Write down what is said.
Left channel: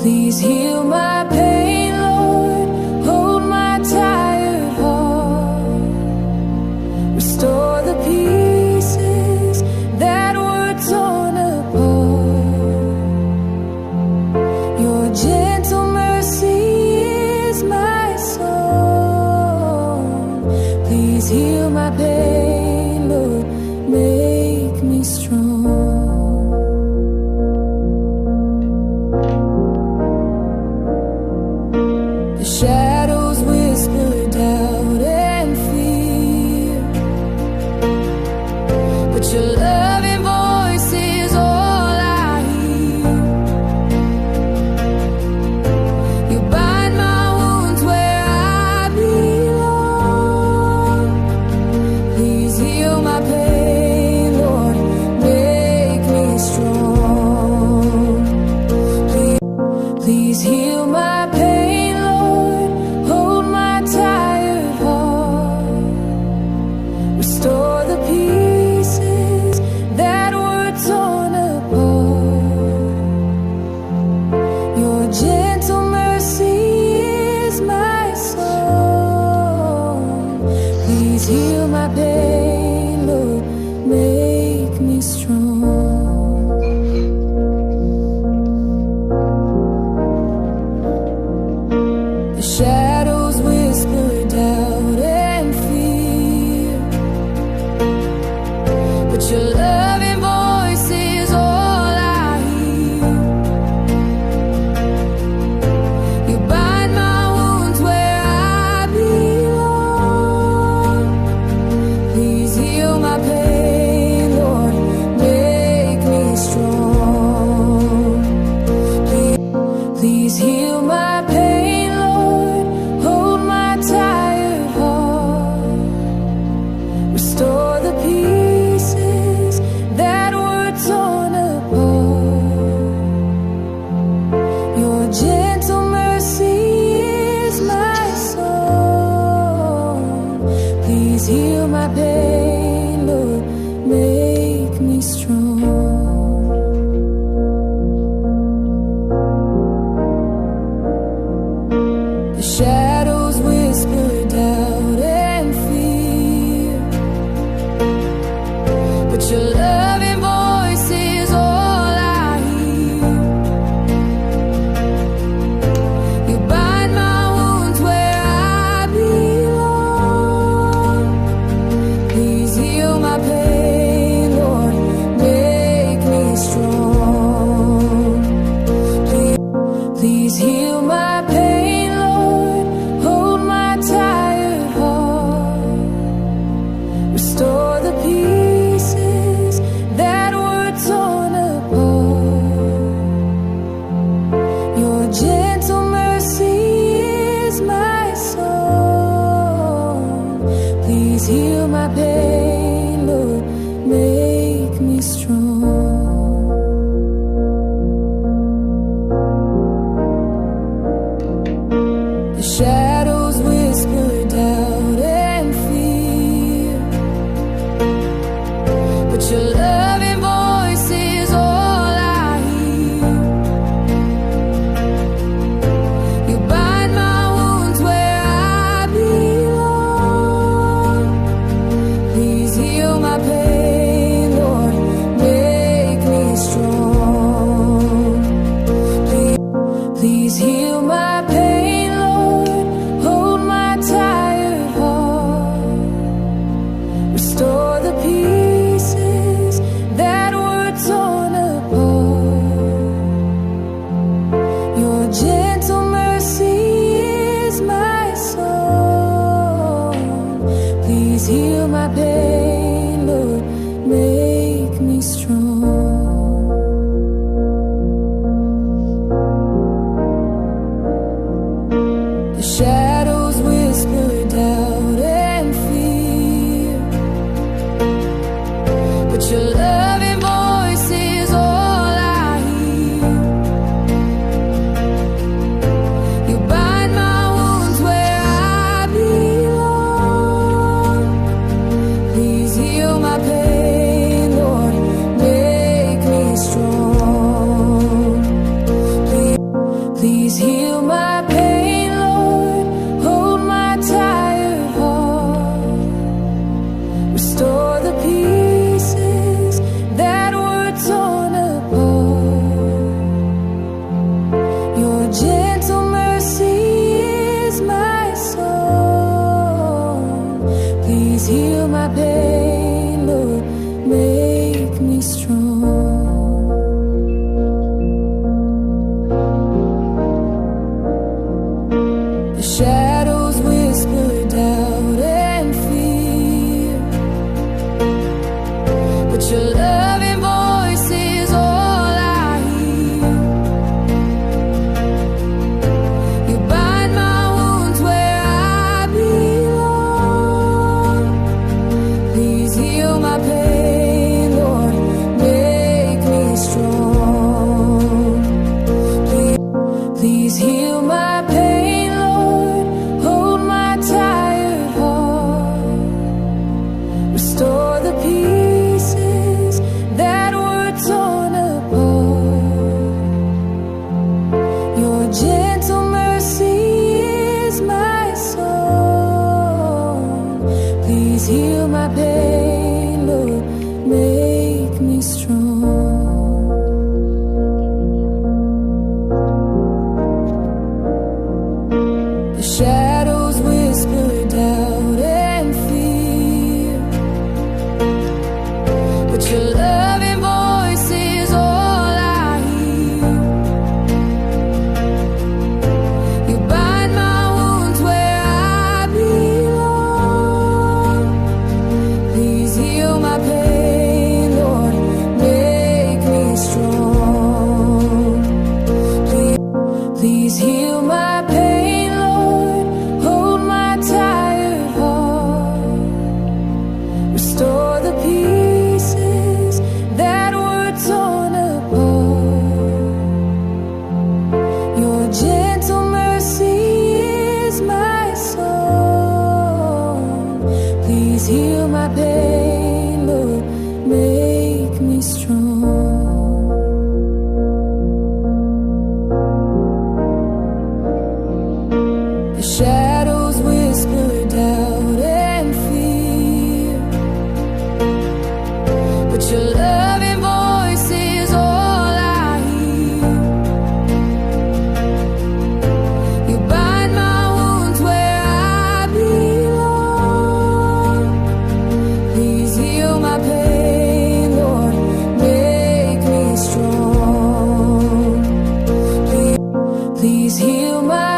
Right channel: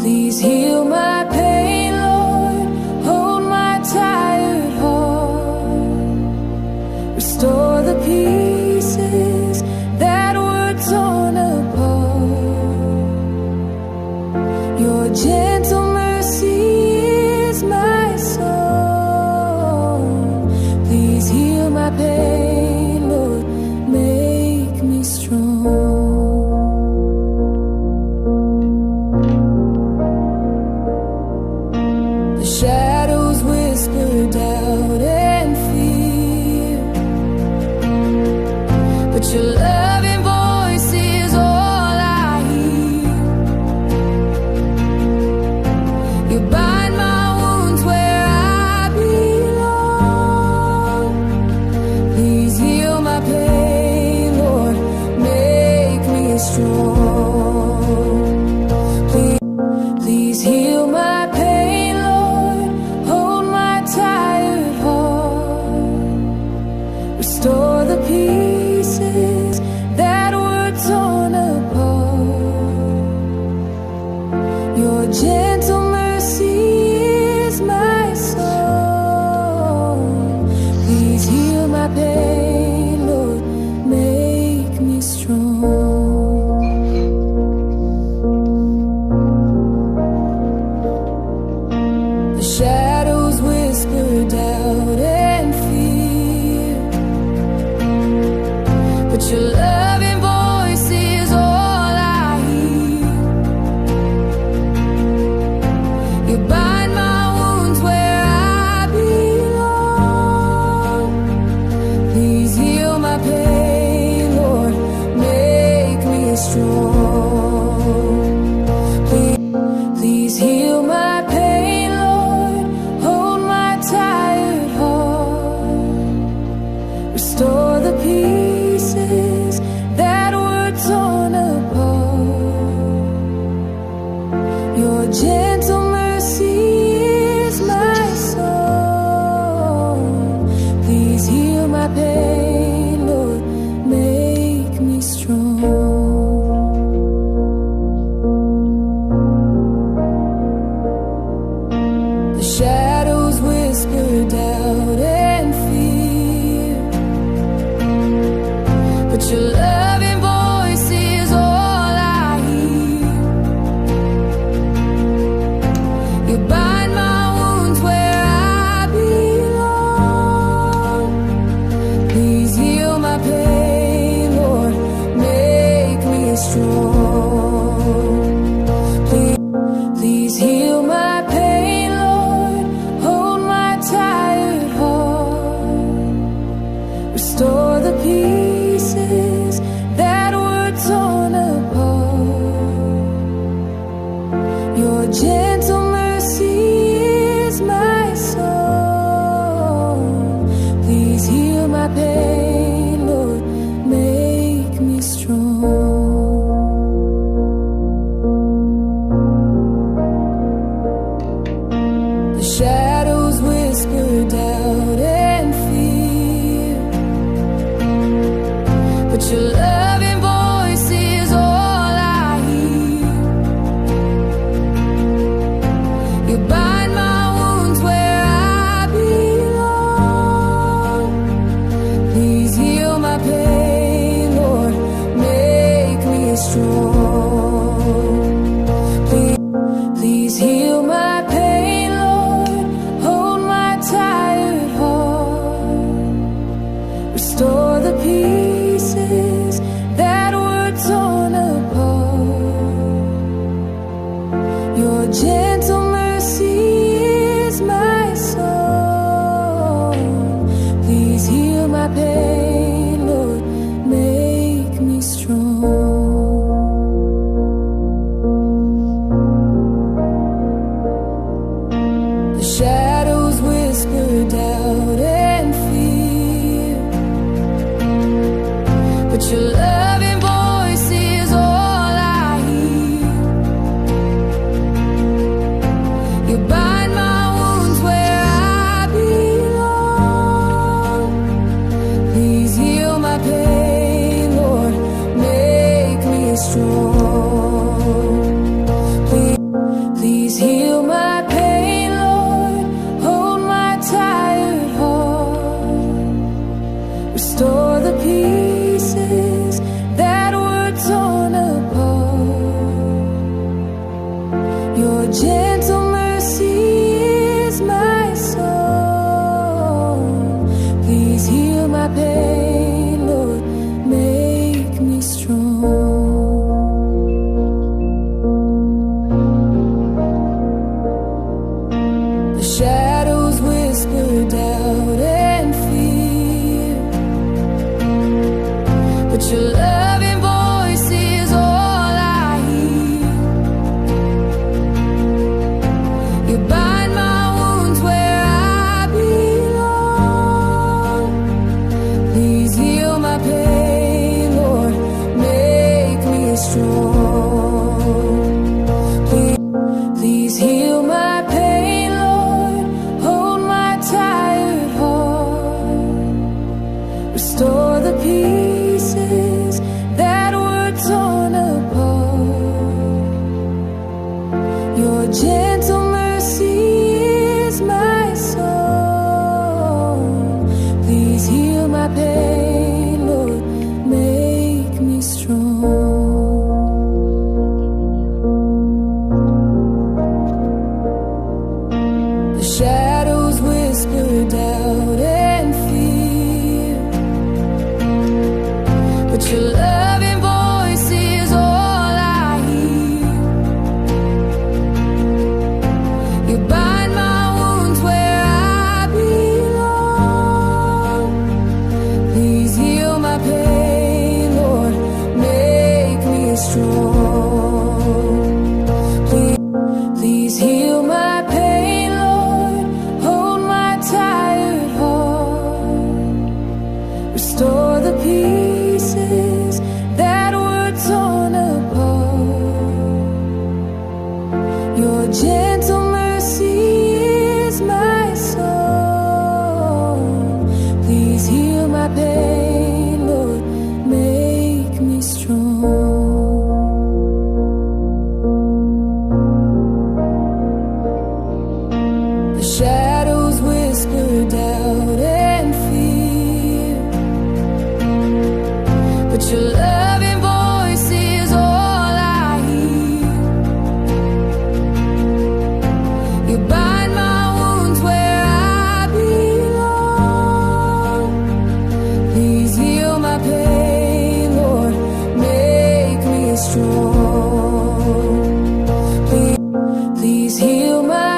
Please heal my pain, Lord. Hold my tired heart. Restore the pieces that were torn apart. Your gentle mercy is my song. Please heal my pain, Lord. Make me strong. The shadows whisper doubt and fear, but your loving voice is all I hear. You bind my wounds where I belong. Please heal my pain, Lord, make me strong. Please heal my pain, Lord, hold my tired heart. Restore the pieces that were torn apart. Your gentle mercy is my song. Please heal my pain, Lord, make me strong. The shadows whisper doubt and fear, but your loving voice is all I hear. You bind my wounds where I belong. Please heal my pain, Lord, make me strong. Please heal my pain, Lord, hold my tired heart. Restore the pieces that were torn apart. Your gentle mercy is my song. Please heal my pain, Lord, make me strong. The shadows whisper doubt and fear, but your loving voice is all I hear. You bind my wounds where I belong. Please heal my pain, Lord, make me strong. Please heal my pain, Lord, hold my tired heart. Restore the pieces that were torn apart. Your gentle mercy is my song. Please heal my pain, Lord, make me strong. The shadows whisper doubt and fear, but your loving voice is all I hear. You bind my wounds where I belong. Please heal my pain, Lord, make me strong. Please heal my pain, Lord, hold my tired heart. Restore the pieces that were torn apart. Your gentle mercy is my song. Please heal my pain, Lord, make me strong. The shadows whisper doubt and fear, but your loving voice is all I hear. You bind my wounds where I belong. Please heal my pain, Lord, make me strong. Please heal my pain, Lord. Hold my tired heart. Restore the pieces that were torn apart. Your gentle mercy is my song. Please heal my pain, Lord. Make me strong. The shadows whisper doubt and fear, but your loving voice is all I hear. You bind my wounds where I belong. Please heal my pain, Lord, make me strong. Please heal my pain, Lord, hold my tired heart. Restore the pieces that were torn apart. Your gentle mercy is my song. Please heal my pain, Lord, make me strong. The shadows whisper doubt and fear, but your loving voice is all I hear. You bind my wounds where I belong. Please heal my pain, Lord, make me strong. Please heal my pain, Lord, hold my tired heart. Restore the pieces that were torn apart. Your gentle mercy is my song. Please heal my pain, Lord, make me strong. The shadows whisper doubt and fear, but your loving voice is all I hear. You bind my wounds where I belong. Please heal my pain, Lord, make me strong. Please heal my